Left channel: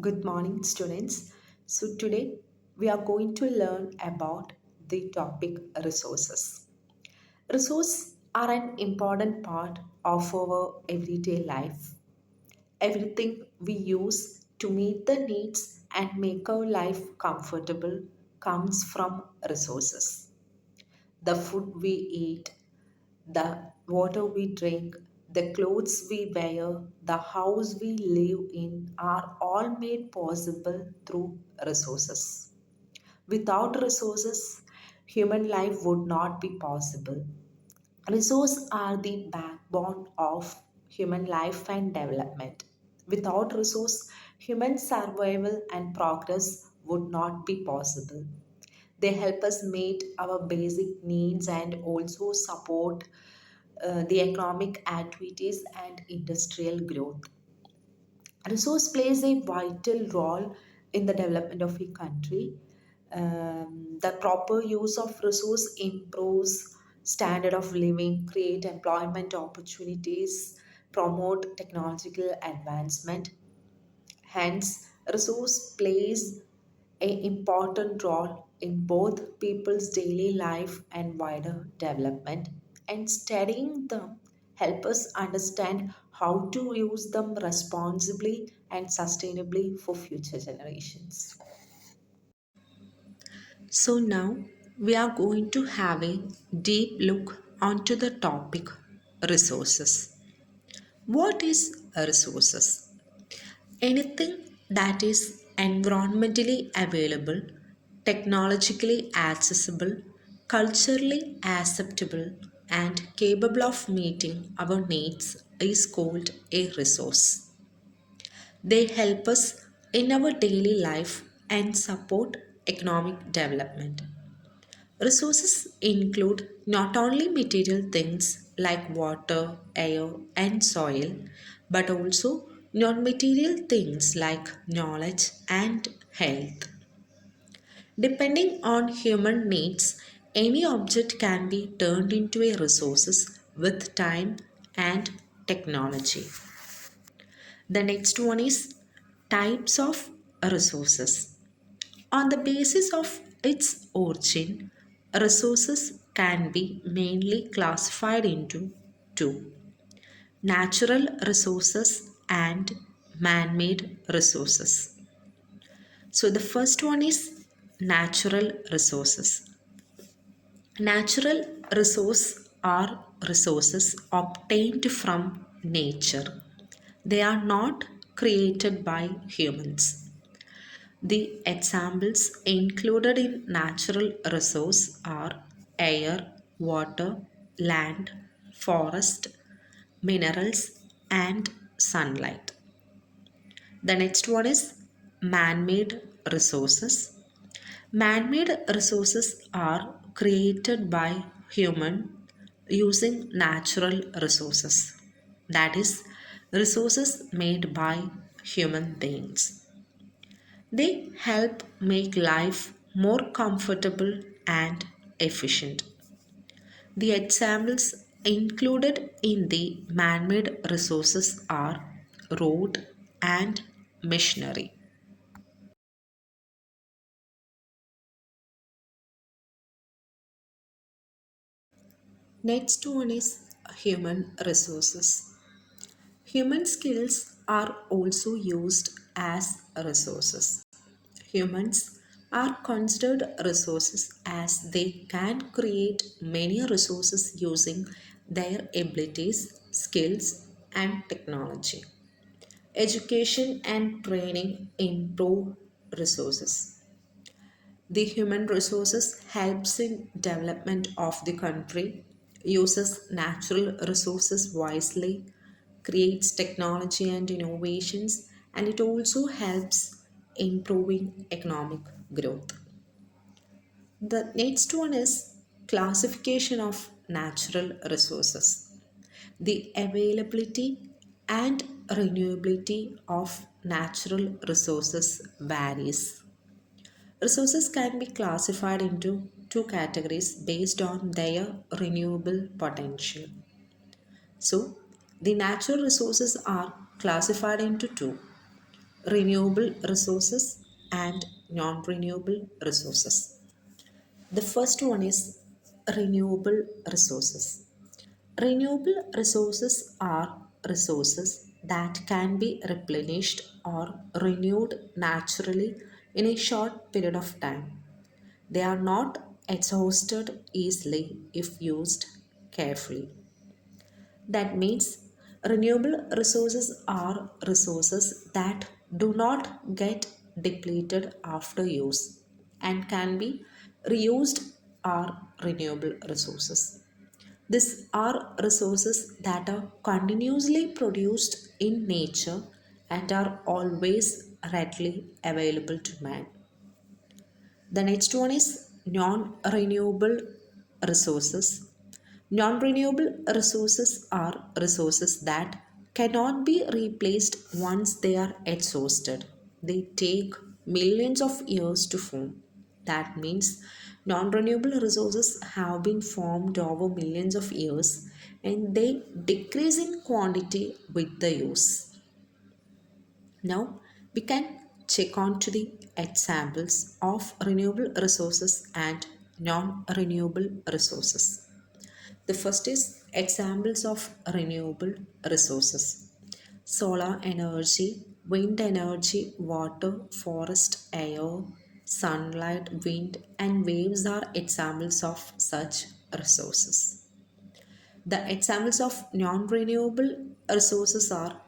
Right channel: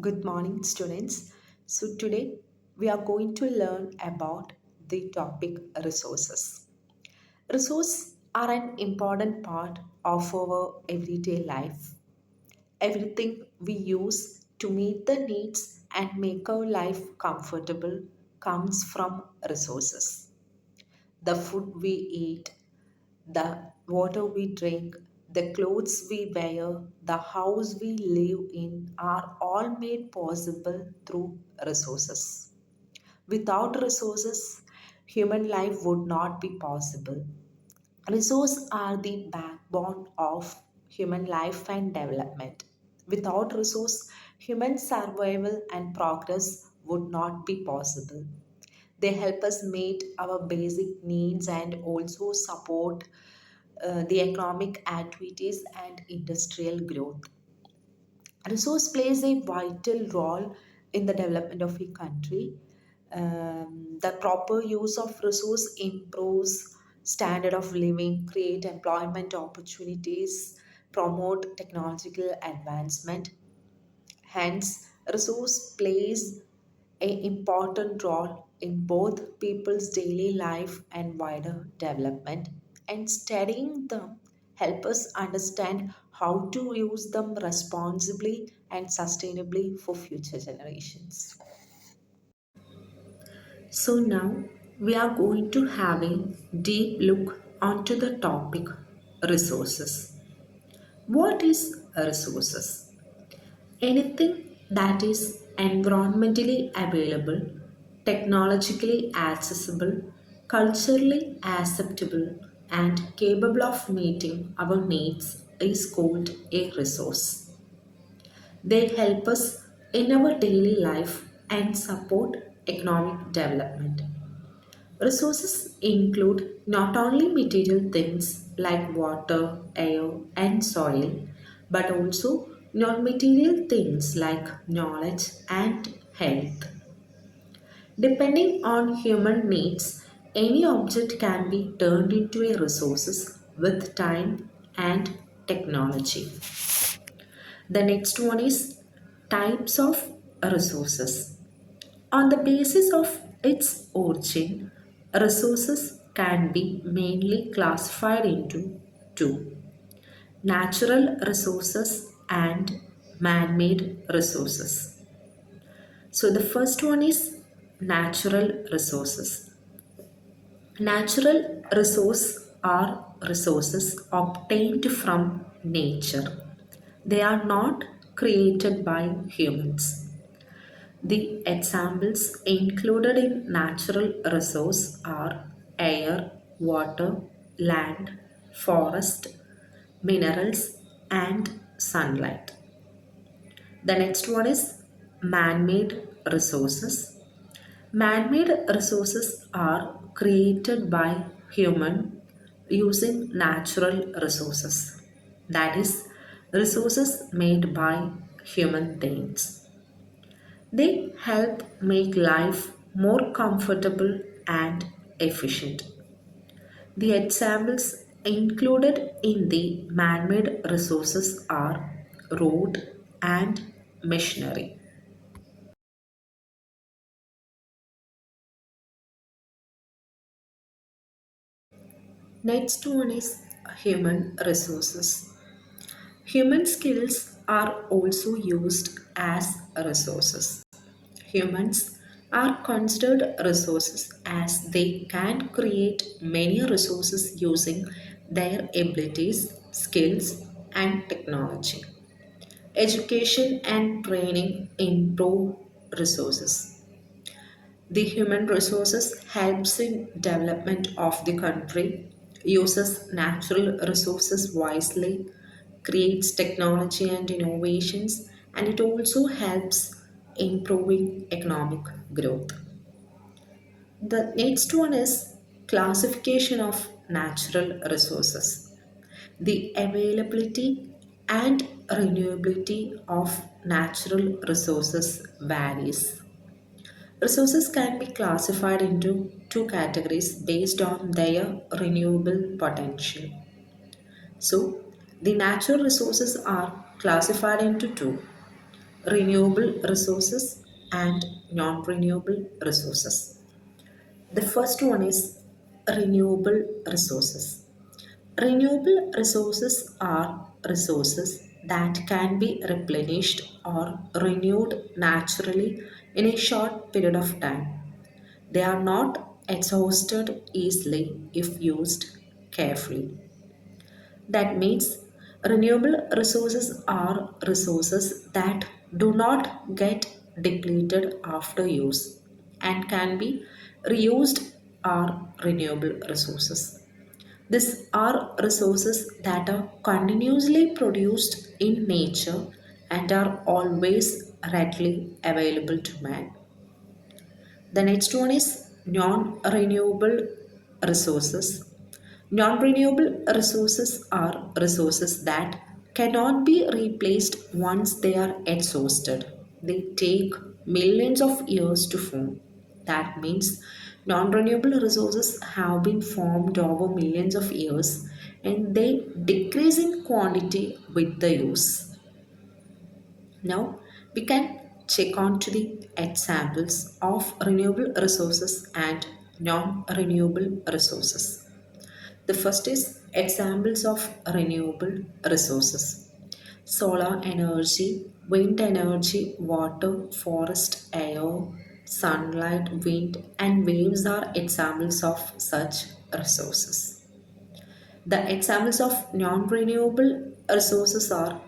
Good morning, students. So, today we are going to learn about the topic resources. Resources are an important part of our everyday life. Everything we use to meet the needs and make our life comfortable comes from resources. The food we eat, the water we drink, the clothes we wear, the house we live in are all made possible through resources. Without resources, human life would not be possible. Resources are the backbone of human life and development. Without resource, human survival and progress would not be possible. They help us meet our basic needs and also support the economic activities and industrial growth. Resource plays a vital role in the development of a country. The proper use of resource improves standard of living, create employment opportunities, promote technological advancement. Hence, resource plays an important role in both people's daily life and wider development. And studying them help us understand how to use them responsibly and sustainably for future generations. So now we are going to have a deep look onto the topic resources. What is resources? Anything that is environmentally available, technologically accessible, culturally acceptable, and capable of meeting our needs is called a resource. They help us in our daily life and support economic development. Resources include not only material things like water, air, and soil, but also non material things like knowledge and health. Depending on human needs, any object can be turned into a resources with time and technology. The next one is types of resources. On the basis of its origin, resources can be mainly classified into two: natural resources and man made resources. So, the first one is natural resources. Natural resources are resources obtained from nature, they are not created by humans. The examples included in natural resource are air, water, land, forest, minerals, and sunlight. The next one is man made resources. Man made resources are created by human using natural resources. That is, resources made by human beings. They help make life more comfortable and efficient. The examples included in the man made resources are road and machinery. Next one is human resources. Human skills are also used as resources. Humans are considered resources as they can create many resources using their abilities, skills, and technology. Education and training improve resources. The human resources helps in development of the country, uses natural resources wisely, creates technology and innovations, and it also helps improving economic growth. The next one is classification of natural resources. The availability and renewability of natural resources varies. Resources can be classified into two categories based on their renewable potential. So, the natural resources are classified into two: renewable resources and non-renewable resources. The first one is renewable resources. Renewable resources are resources that can be replenished or renewed naturally in a short period of time. They are not exhausted easily if used carefully. That means renewable resources are resources that do not get depleted after use and can be reused are renewable resources. These are resources that are continuously produced in nature and are always readily available to man. The next one is non-renewable resources. Non-renewable resources are resources that cannot be replaced once they are exhausted. They take millions of years to form. That means non-renewable resources have been formed over millions of years and they decrease in quantity with the use. Now we can check on to the examples of renewable resources and non-renewable resources. The first is examples of renewable resources. Solar energy, wind energy, water, forest, air, sunlight, wind, and waves are examples of such resources. The examples of non-renewable resources are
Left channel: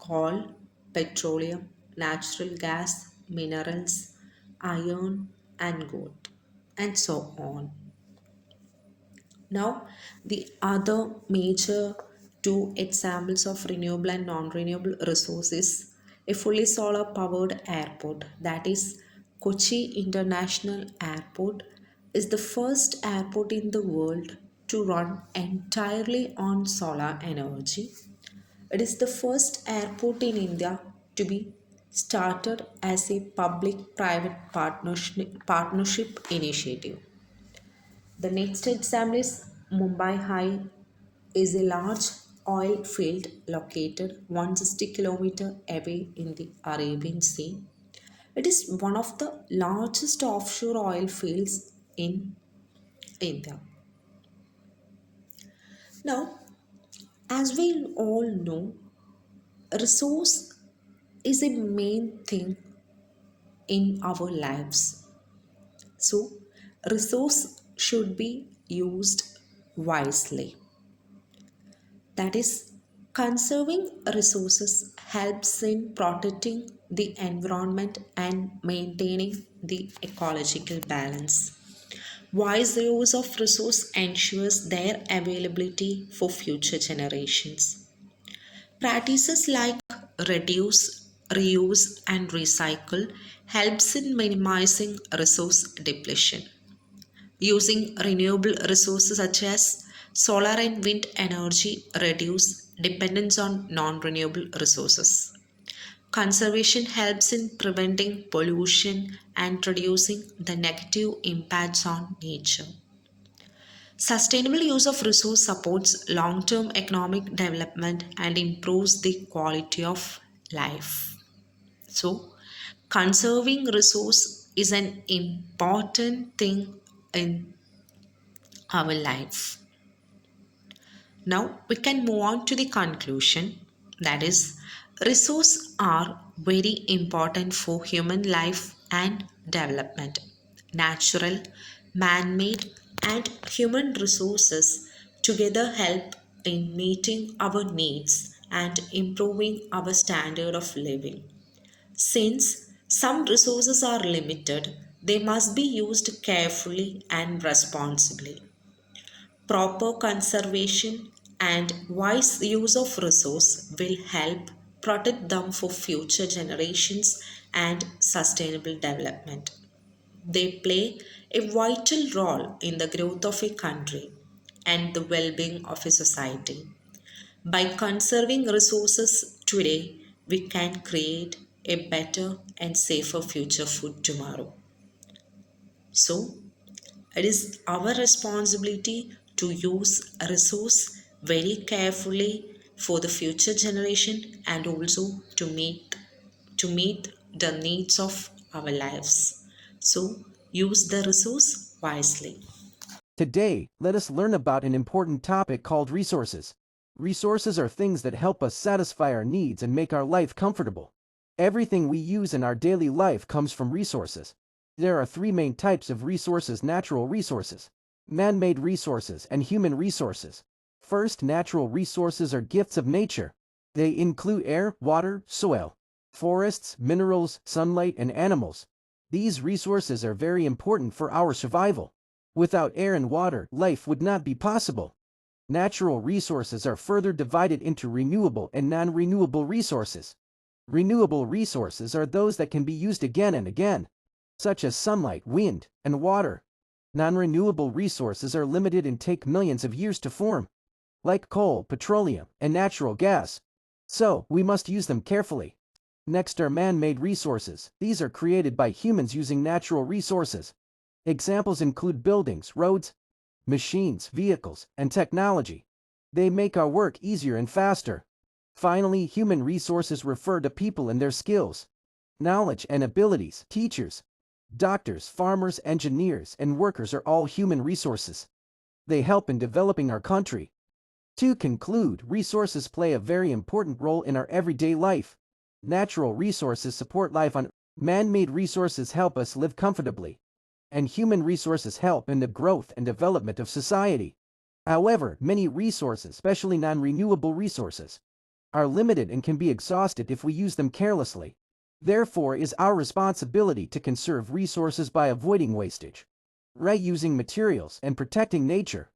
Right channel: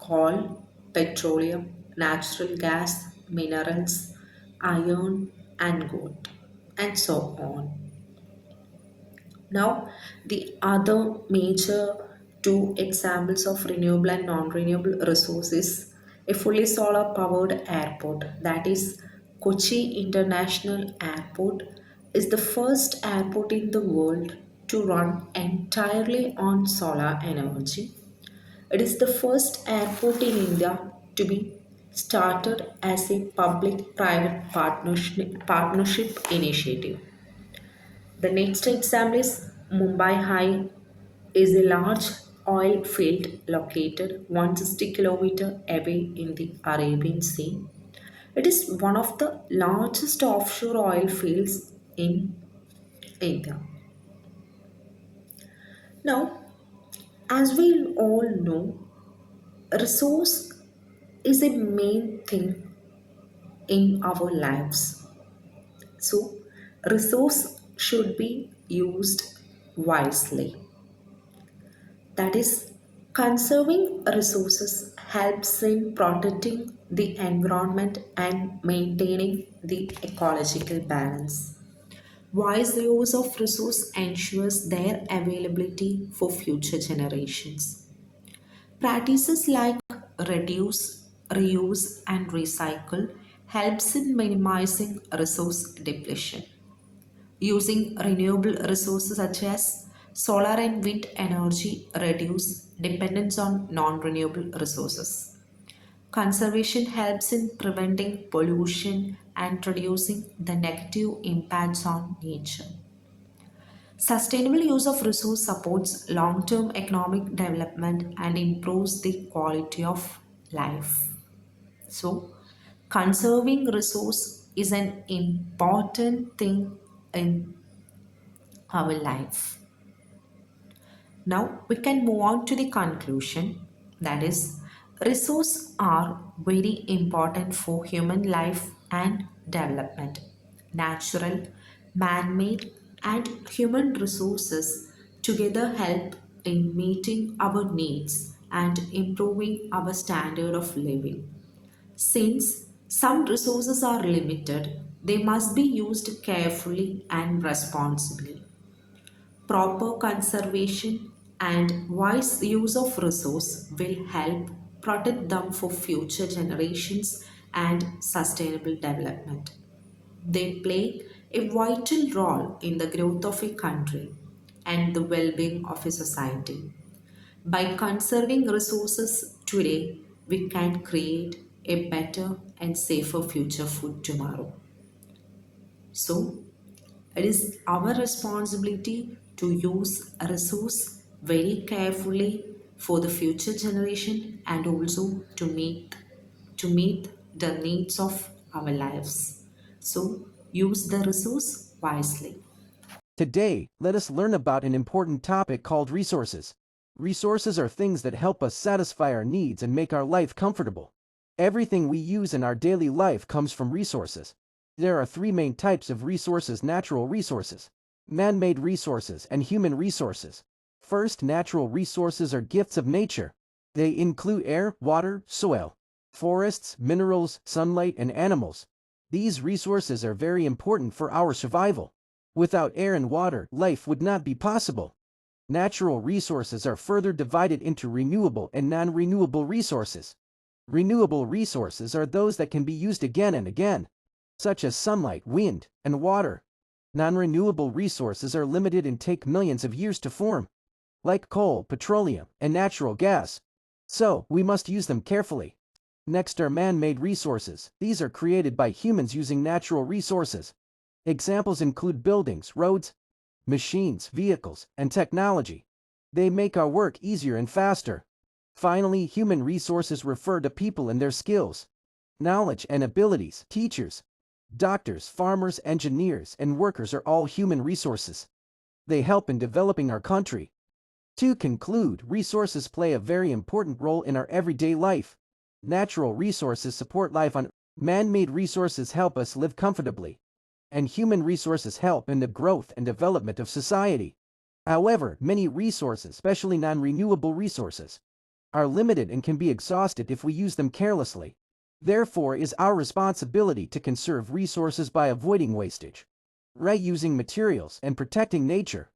coal, petroleum, natural gas, minerals, iron, and gold, and so on. Now, the other major two examples of renewable and non-renewable resources, a fully solar powered airport, that is Kochi International Airport is the first airport in the world to run entirely on solar energy. It is the first airport in India to be started as a public-private partnership initiative. The next example is Mumbai High is a large oil field located 160 km away in the Arabian Sea. It is one of the largest offshore oil fields in India. Now, as we all know, resource is a main thing in our lives. So, resource should be used wisely. That is, conserving resources helps in protecting the environment and maintaining the ecological balance. Wise use of resource ensures their availability for future generations. Practices like reduce, reuse, and recycle helps in minimizing resource depletion. Using renewable resources such as solar and wind energy reduce dependence on non-renewable resources. Conservation helps in preventing pollution and reducing the negative impacts on nature. Sustainable use of resource supports long-term economic development and improves the quality of life. So, conserving resource is an important thing in our life. Now we can move on to the conclusion, that is, resources are very important for human life and development. Natural, man made, and human resources together help in meeting our needs and improving our standard of living. Since some resources are limited, they must be used carefully and responsibly. Proper conservation and wise use of resource will help protect them for future generations and sustainable development. They play a vital role in the growth of a country and the well-being of a society. By conserving resources today, we can create a better and safer future for tomorrow. So, it is our responsibility to use a resource very carefully for the future generation and also to meet to meet the needs of our lives. So, use the resource wisely. Today, let us learn about an important topic called resources. Resources are things that help us satisfy our needs and make our life comfortable. Everything we use in our daily life comes from resources. There are three main types of resources: natural resources, man-made resources, and human resources. First, natural resources are gifts of nature. They include air, water, soil, forests, minerals, sunlight, and animals. These resources are very important for our survival. Without air and water, life would not be possible. Natural resources are further divided into renewable and non-renewable resources. Renewable resources are those that can be used again and again, such as sunlight, wind, and water. Non-renewable resources are limited and take millions of years to form, like coal, petroleum, and natural gas. So, we must use them carefully. Next are man-made resources. These are created by humans using natural resources. Examples include buildings, roads, machines, vehicles, and technology. They make our work easier and faster. Finally, human resources refer to people and their skills, knowledge, and abilities. Teachers, doctors, farmers, engineers, and workers are all human resources. They help in developing our country. To conclude, resources play a very important role in our everyday life. Natural resources support life on Earth. Man-made resources help us live comfortably, and human resources help in the growth and development of society. However, many resources, especially non-renewable resources, are limited and can be exhausted if we use them carelessly. Therefore, it is our responsibility to conserve resources by avoiding wastage, reusing materials, and protecting nature.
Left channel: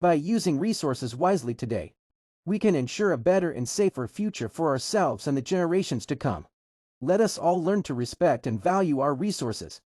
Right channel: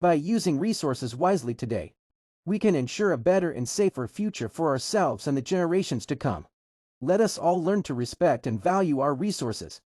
By using resources wisely today, we can ensure a better and safer future for ourselves and the generations to come. Let us all learn to respect and value our resources.